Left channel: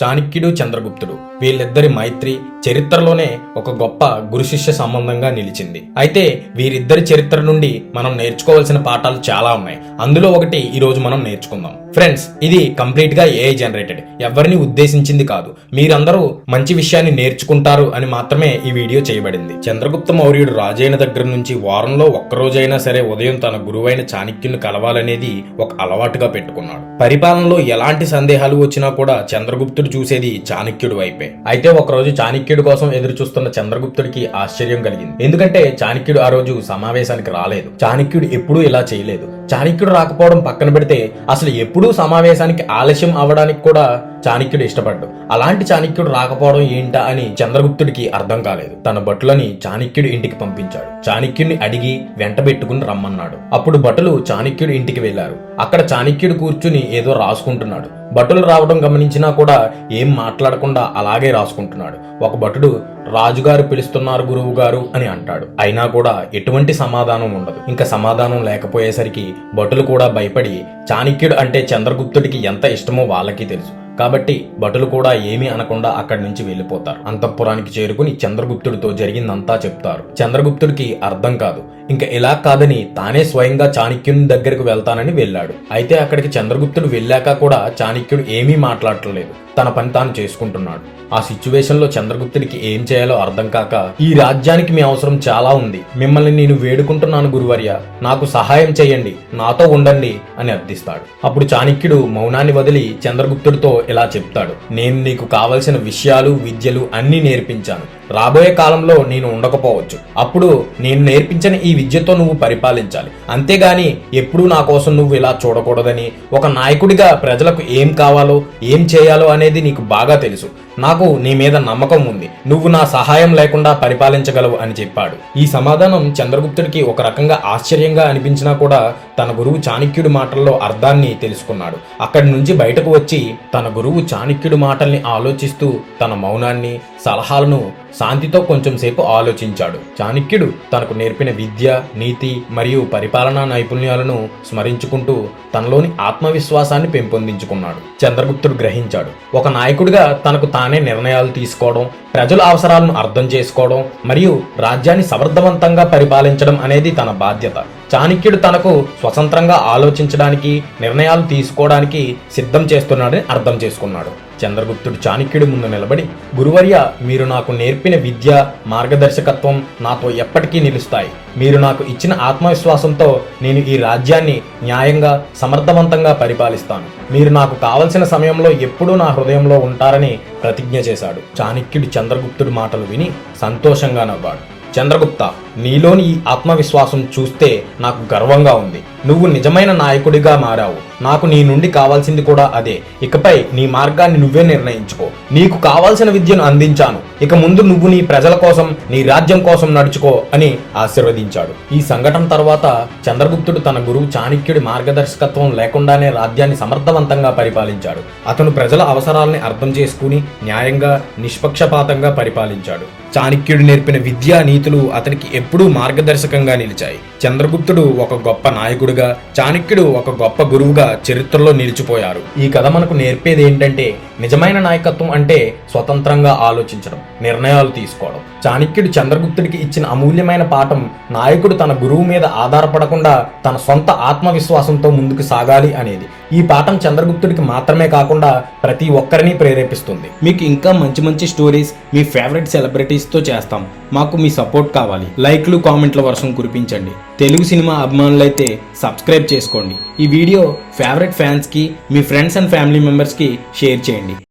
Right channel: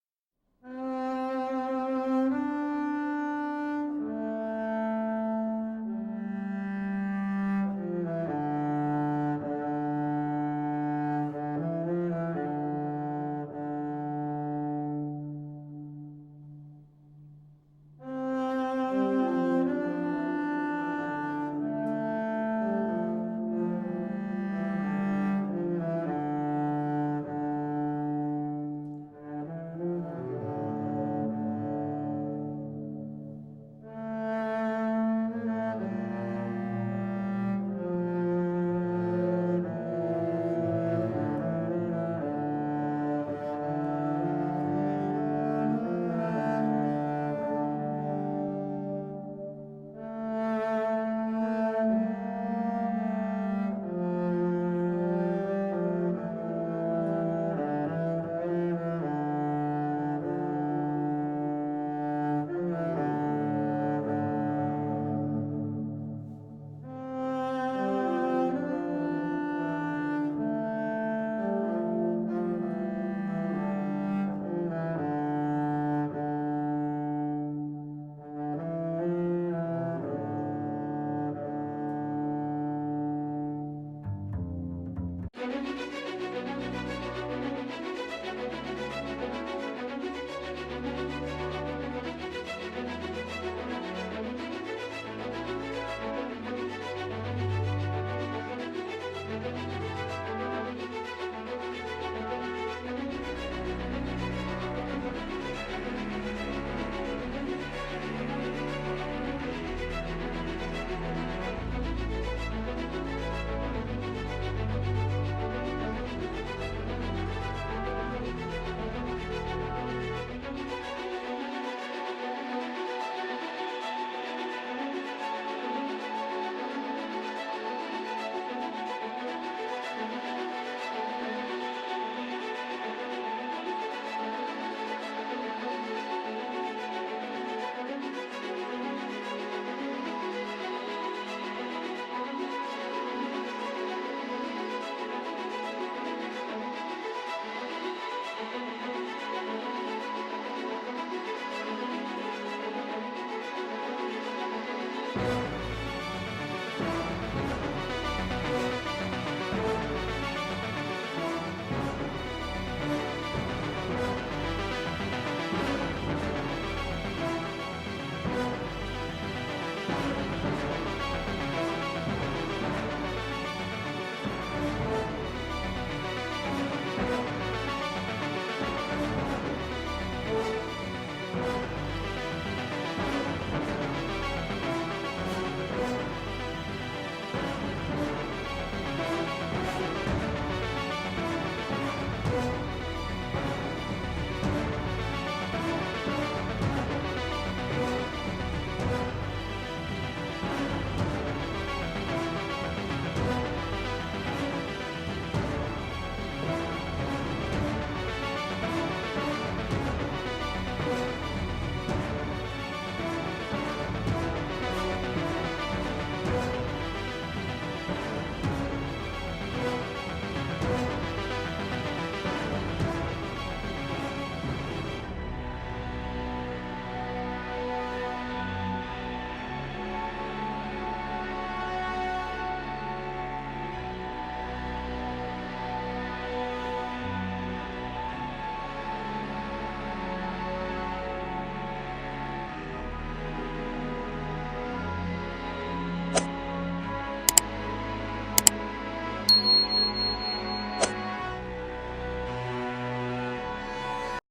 చాణక్యుడు చంద్రగుప్తుడు వీళ్ళిద్దరి మైత్రి చరిత్రలోనే ఒక గొప్ప గురు శిష్య సంబంధంగా నిలిచింది. అయితే వీరిద్దరి చరిత్ర నుండి మనం నేర్చుకోవాల్సిన పాఠాలు చాలా ఉన్నాయి. అందులో ఒకటి ఈ రోజు మనం నేర్చుకుందాం. ఫ్రెండ్స్, ఇది కంప్లీట్ గా ఏఐ జనరేటెడ్, ఎవరిని ఉద్దేశించింది కాదు. మీరందరూ మంచి విషయాన్ని నేర్చుకుంటారు అని మాత్రమే ఈ వీడియో చేయబడింది. చంద్రగుప్త మౌర్యుడు రాజైన దగ్గర నుంచి వారంలో ఒక్కరోజైనా సరే ఉదయం తన గురువైన చాణక్యుని కలవాలనేది ఒక అలవాటుగా పెట్టుకున్నాడు. పరిపాలనలో ఎలాంటి సందేహాలు వచ్చినా కూడా చంద్రగుప్తుడు చూసేది చాణక్యుడి వైపే. అయితే ఒకరోజు చాణక్యుడి కోసం ఎదురు చూస్తున్న చంద్రగుప్తుడికి ఆశ్చర్యం కలిగింది. ఎందుకంటే చాణక్యుడు ఆ రోజు సమావేశానికి రాలేదు. చాణక్యుడు ఎప్పుడూ ఇలా చేయలేదు. చాణక్యుడు రాకపోవడం పక్కన పెడితే అసలు ఎప్పుడూ సమావేశానికి ఆలస్యం అవడానికి కూడా చాణక్యుడు ఇష్టపడ్డు. అలాంటి చాణక్యుడు రాకపోవడం ఏంటా అని చంద్రగుప్తుడికి అర్థం కాలేదు. తన భటులని చాణక్యుడి ఇంటికి పంపించాడు. చాణక్యుడిని అడిగి వెంటబెట్టుకుని రమ్మన్నాడు. అప్పుడు భటులు చాణక్యుడి ఇంటికి వెళ్లారు. అక్కడ చాణక్యుడు కూర్చుని ఏదో రాసుకుంటున్నాడు. భటులు రావడం గమనించినా కూడా ఏం మాట్లాడకుండా అలాగే రాసుకుంటున్నాడు. ఒక భటుడు, రాజుగారు పిలుస్తున్నారు గురువు గారు అని అంటాడు. అయినా కూడా ఎటువంటి సమాధానం ఉండదు. ఇంకా సమాధానం లేకపోయేసరికి భటులు కూడా భయపడి, చాణక్యుడు అంటే చంద్రగుప్తుడికి ఎంత ఇష్టమో వాళ్ళకి తెలుసు కాబట్టి భటులు కూడా ఏమీ అనకుండా అక్కడి నుంచి వెళ్లిపోతారు. అంతఃపురానికి చేరుకుని చంద్రగుప్తుడితో జరిగిందంతా చెప్తారు. చంద్రగుప్తుడికి అర్థం కాదు. ఇంకా ఇలా కాదని తానే స్వయంగా చాణక్యుని దగ్గరకు వెళ్తానని వెళ్ళాడు. అయితే అక్కడికి చంద్రగుప్తుడు వెళ్ళాక కూడా చాణక్యుడు ఏమీ మాట్లాడలేదు. తన పని తాను చేసుకుంటున్నాడు. ఆ సిచ్యువేషన్ లో చంద్రగుప్తుడికి ఏం చేయాలో అర్థం కాక, ఈ రాజ్యానికి మీ అవసరం చాలా ఉంది. మిమ్మల్ని నేను వేడుకుంటున్నాను గురువర్య, నాకు సహాయం చేయండి, నాతో ఉండండి అని అర్థిస్తాడు. అప్పుడు చాణక్యుడు మౌనాన్ని వదిలి చంద్రగుప్తుడితో ఇలా చెప్తాడు, నేను నీకు కావలసిన విషయాలు విద్యలు అన్ని నేర్పించాను. రాబోయే కాలంలో నేను ఉండకపోవచ్చు. అప్పుడు నేను నేర్పించిన ఈ విద్యతో నువ్వు పరిపాలించాలి. అంతేగాని ఎప్పుడూ నా కోసం నువ్వు ఇలా చూడకూడదని, ఒక నాయకుడిగా ప్రజలకు ఏం కావాలో ఏం చేయాలో అనేది నీకు బాగా తెలుసు. నాకు నీ మీద నమ్మకం ఉంది. నువ్వు నా సహాయం లేకుండా పరిపాలించగలవు అని చెప్పాడు. ఈ సమాధానం చంద్రగుప్తుడికి ఒక రకంగా ఆశ్చర్యంగా అనిపించినా కూడా తన గురువు చాణక్యుడి మాటల్లో అర్థాన్ని తెలుసుకున్నాడు. అక్కడి నుంచి బయటకు వచ్చి తన గురువు చాణక్యుడి మాటల్ని ఆలోచిస్తూ తన మౌనాన్ని, సలహాలను శాంతితో కొంచెం సేపు ఆలోచించాడు. చాణక్యుడు తనకు నేర్పిన విద్య, నీతి మరియు పరిపాలనా నైపుణ్యాలను స్మరించుకుంటూ తనలోని ఆత్మవిశ్వాసాన్ని పెంపొందించుకున్నాడు. చంద్రగుప్తుడు గ్రహించాడు, ఒక నాయకుడిగా తనకు తానే నిర్ణయాలు తీసుకోవడం, ప్రజల అవసరాలను అర్థం చేసుకోవడం మరియు రాజ్యాన్ని సమర్థవంతంగా పరిపాలించడం అనేది తన బాధ్యత. చాణక్యుడు తనకు స్వతంత్రంగా ఆలోచించడానికి, నిర్ణయాలు తీసుకోవడానికి సిద్ధం చేస్తున్నాడని అర్థం చేసుకున్నాడు. చంద్రగుప్తుడు చాణక్యుడి ముందు నిలబడి, గురువర్య, మీరు నాకు నేర్పిన విద్య, మార్గదర్శకత్వం నాతో ఎప్పటికీ నిలుస్తాయి. మీరు నాకు ఇచ్చిన ఆత్మవిశ్వాసంతో నేను ఈ రాజ్యాన్ని న్యాయంగా, సమర్థవంతంగా పరిపాలిస్తాను. మీరు నాకు కావలసిన సమయంలో ఎప్పుడూ నా హృదయంలో ఉంటారని ప్రతిజ్ఞ చేశాడు. చాణక్యుడు చంద్రగుప్తుడి మాటలు విని సంతోషంగా నవ్వాడు. చంద్రగుప్త, నీలోని ఈ ఆత్మవిశ్వాసం చూస్తే నాకు గర్వంగా ఉంది. నువ్వు నిజమైన నాయకుడిగా మారావు. నాకు నీ నుండి కావాల్సింది కూడా అదే. ఇకపై నీ మార్గాన్ని నువ్వే నిర్ణయించుకో. నీకు కావాల్సిన విద్యను అందించాను. ఇక ముందు నువ్వు నీ ప్రజల కోసం, నీ రాజ్యం కోసం నడుచుకో అని ఆశీర్వదించాడు. ఈ సంఘటన తర్వాత చంద్రగుప్తుడు తన గురువు చాణక్యుడి మార్గదర్శకత్వం లేకుండానే రాజ్యాన్ని సమర్థవంతంగా పరిపాలించాడు. అతను ప్రజల అవసరాలని అర్థం చేసుకుని న్యాయంగా, నిష్పక్షపాతంగా పరిపాలించాడు. చాణక్యుడు నేర్పిన విద్యా నీతులు అతనికి ఎప్పుడూ మార్గదర్శకంగా నిలిచాయి. చంద్రగుప్తుడు ఒక గొప్ప నాయకుడిగా, చాణక్యుడు ఒక గొప్ప గురువుగా చరిత్రలో నిలిచిపోయారు. ఈ కథ మనకు నేర్పేది ఏంటంటే, నిజమైన నాయకత్వం అంటే స్వతంత్రంగా ఆలోచించడం, నిర్ణయాలు తీసుకోవడం. చాణక్యుడు చంద్రగుప్తుడికి ఇచ్చిన అమూల్యమైన పాఠం, నాయకుడు తన గురువు మీద ఆధారపడకుండా తన సొంత ఆత్మవిశ్వాసంతో ముందుకు సాగాలి అనేది. ఈ పాఠం చంద్రగుప్తుడికి మాత్రమే కాకుండా ప్రతి ఒక్కరిని ప్రేరేపిస్తుంది. మీకు ఇంకా మంచి మంచి స్టోరీస్ మీ ఫేవరెట్ సెలబ్రిటీస్తో చేస్తాం. మాకు మీ సపోర్ట్ కావాలి. లైక్లు, కామెంట్ల వర్షం కురిపించండి. తెలుగు సినిమా అభిమానులైతే సబ్స్క్రైబ్ చేసుకోండి. ఈ వీడియో ఫేవరెట్ ఫ్యాన్స్కి, మీ ఫ్రెండ్స్ అండ్ ఫ్యామిలీ మెంబర్స్కి షేర్ చేయండి.